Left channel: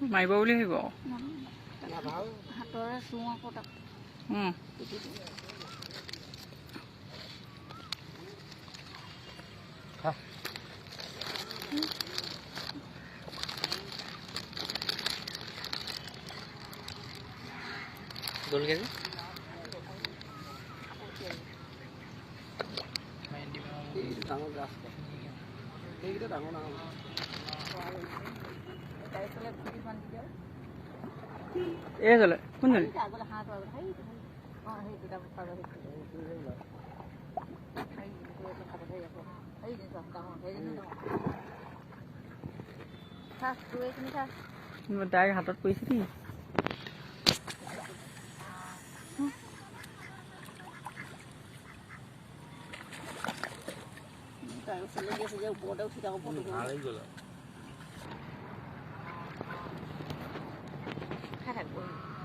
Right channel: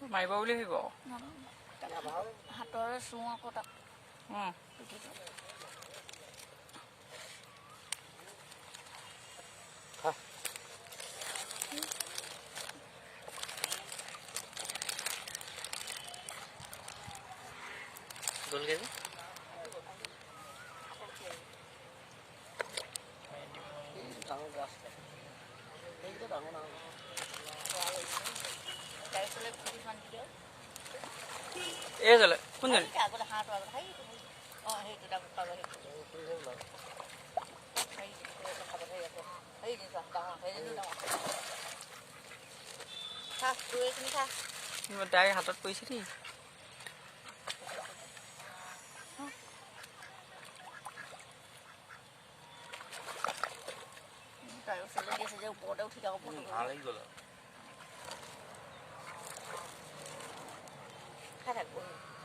মাৰিব বুলি ভাবিব হাতৰে চুওঁ আকৌ তাক গ'লগে যে এই চলে কোনজনী তাইৰ হাতত পৰিছে দেই ওপৰতে উঠি থাকো থাকো